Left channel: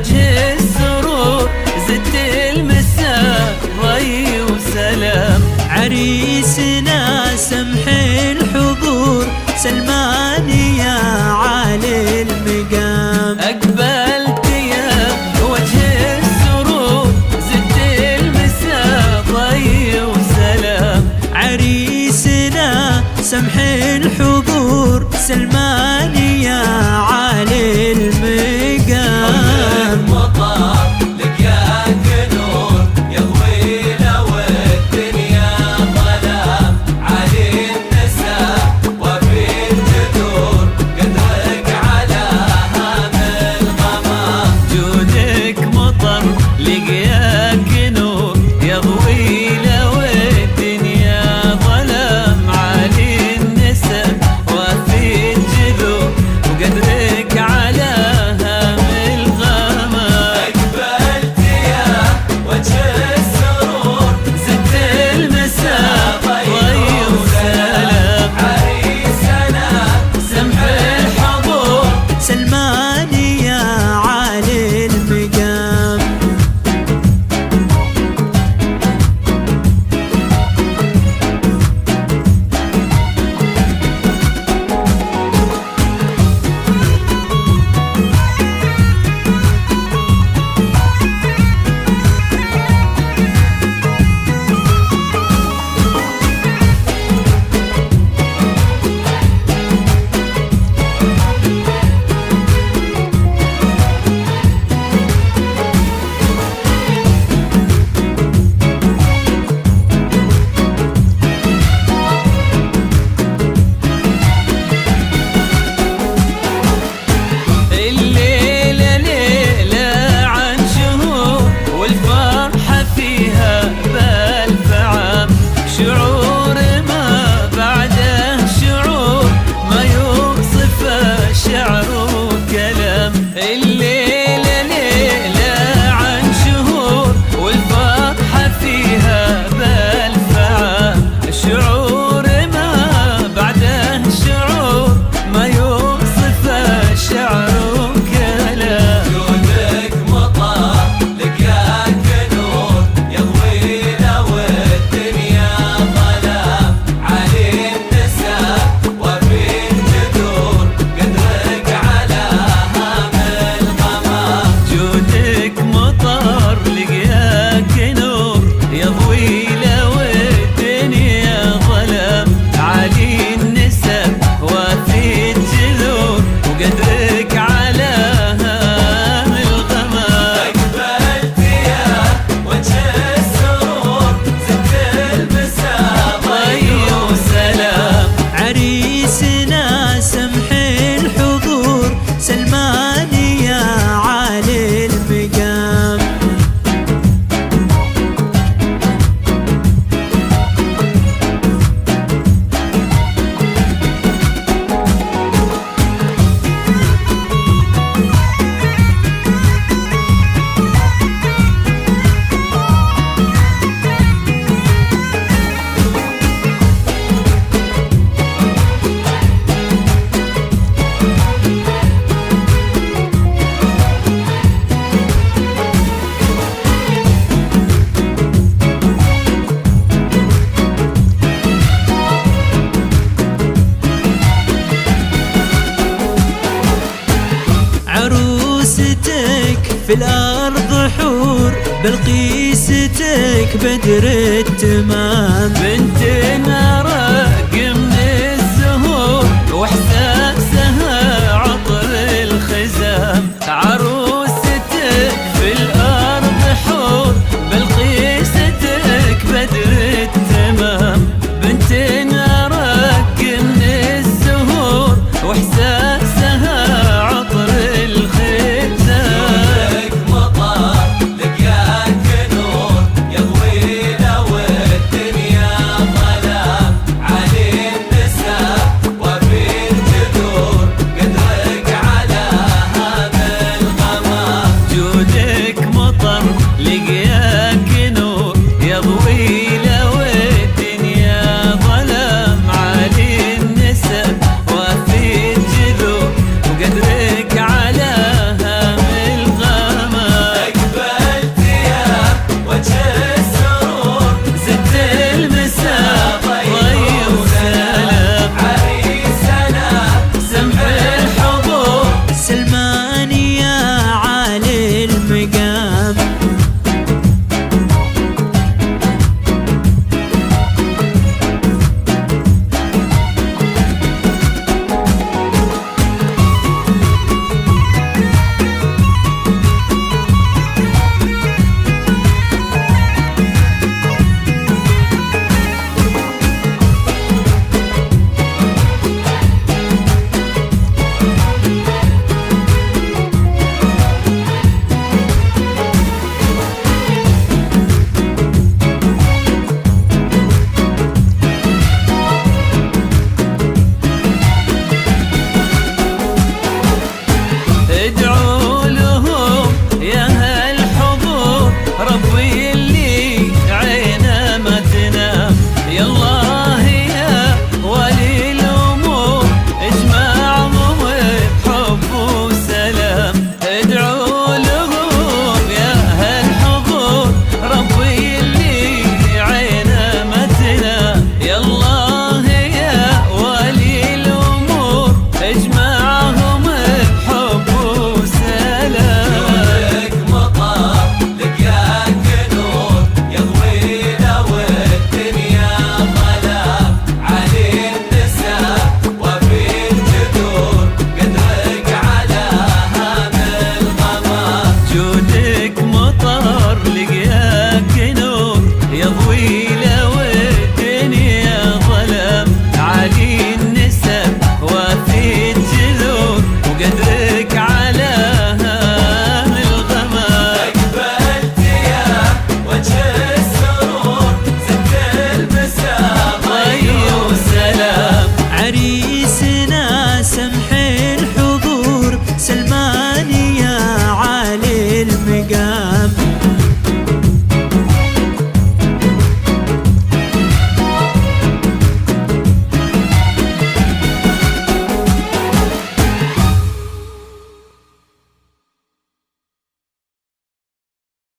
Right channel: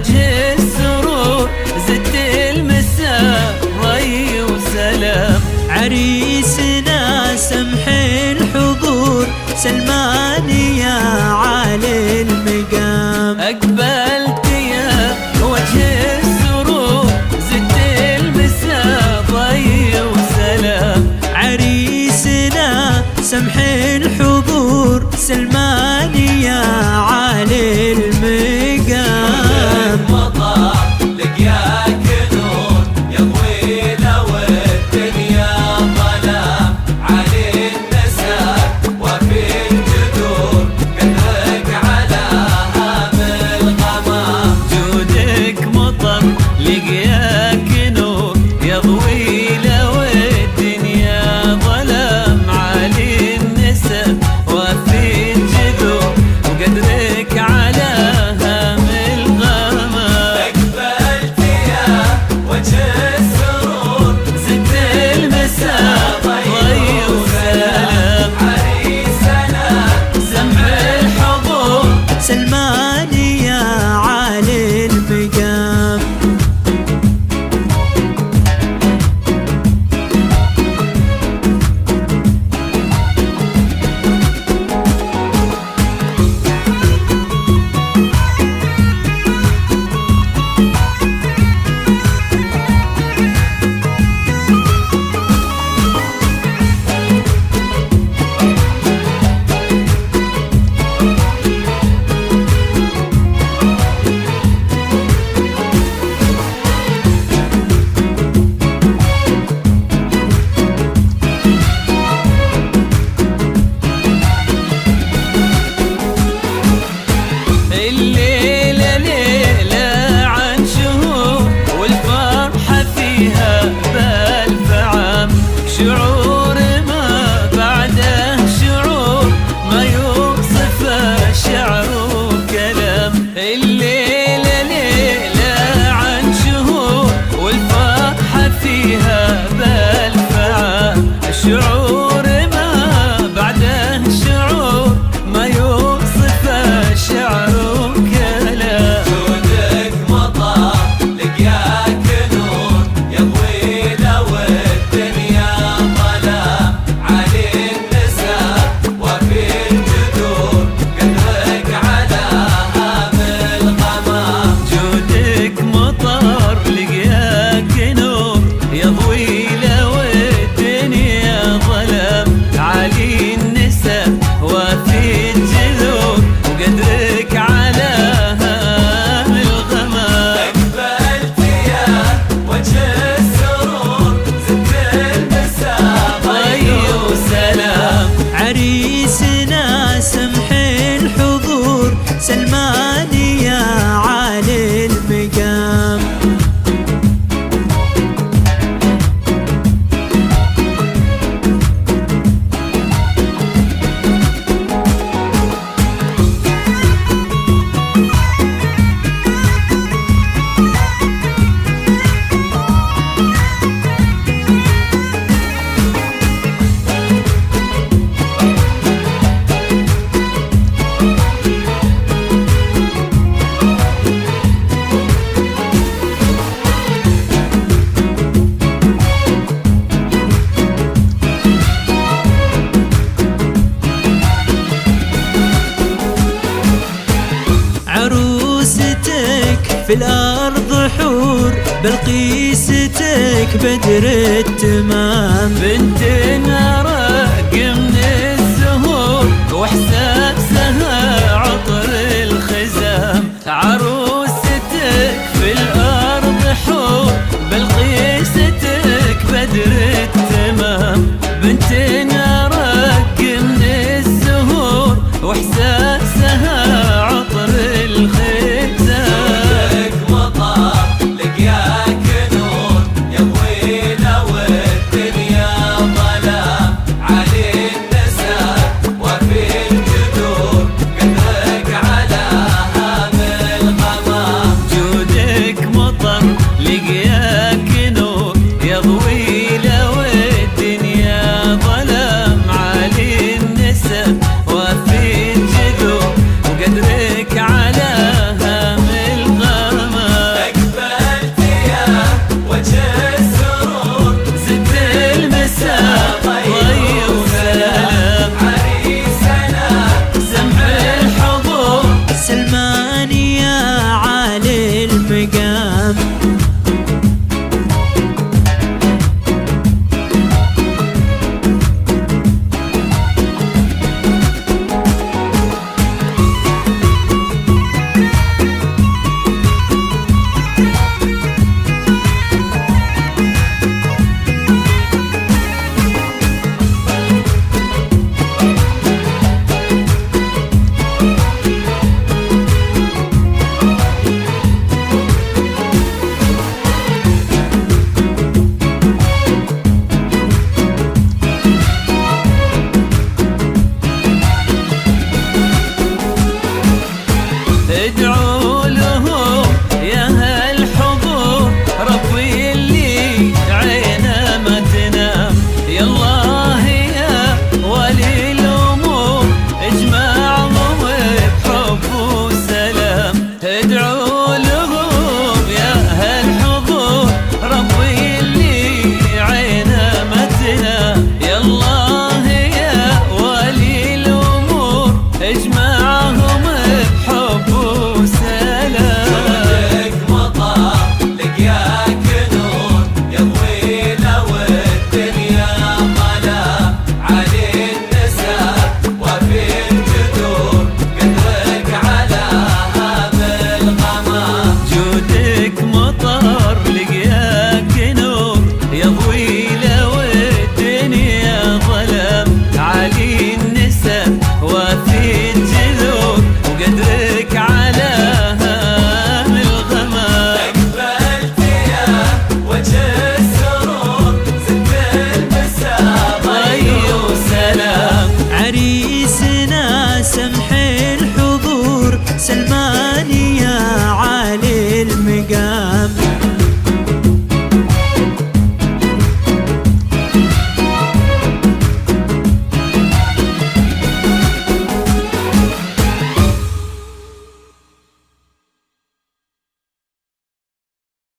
وجه السرور زدت المساء ضي وسلام. عريسنا سمح الحضور سلماني يا عالي المقام. أقبلت يا وجه السرور زدت المساء ضي وسلام. عريسنا سمح الحضور سلماني يا عالي المقام. لقياك نور يضوي لو الدنيا ظلام. عالي النسب وفي الجذور وقدرك على هام الغمام. أقبلت يا وجه السرور زدت المساء ضي وسلام. عريسنا سمح الحضور سلماني يا عالي المقام. الليلة ليلة عن شهور والفرحة فيها بألف عام. شعور ما بعده شعور ما يوصف الشعر وكلام. الليلة ليلة عن شهور والفرحة فيها بألف عام. شعور ما بعده شعور ما يوصف الشعر وكلام. جودك مطر لقياك نور يضوي لو الدنيا ظلام. علي النساء وفي الجذور قدرك على هام الغمام. جودك مطر لقياك نور يضوي لو الدنيا ظلام. عالي النسب وفي الجذور وقدرك على هام الغمام. أقبلت يا وجه السرور زدت المساء ضي وسلام. عريسنا سمح الحضور سلماني يا عالي المقام. عروستك في الأرض حور بلقيستك بدر التمام. بنت رق من الزهور واحساسها عطر الخزام. عروستك في الأرض حور بلقيستك بدر التمام. بنت رق من الزهور واحساسها عطر الخزام. مطر لقياك نور يضوي لو الدنيا ظلام. علي النساء وفي الجذور قدرك على هام الغمام. جودك مطر لقياك نور يضوي لو الدنيا ظلام. عالي النسب وفي الجذور المقام. ادعوا لهم يا هالحضور، ربي اللي عينه ما تنام. يا الله يا ولي الامور، اجمعهم بحب وسلام. ادعوا لهم يا هالحضور، ربي اللي عينه ما تنام. يا الله يا ولي الامور، اجمعهم بحب وسلام. لك مطر لقياك نور يضوينا والدنيا ظلام. علي النساء وفي الجذور قدرك على هذا الغمام. جودك مطر لقياك نور يضوي له والدنيا ظلام. علي النسب وفي الجذور وقدرك على هام الغمام. أقبلت يا وجه السرور زدت المسام. ضي وسلام. عريسنا سمح الحضور، سلمان يا عالي المقام.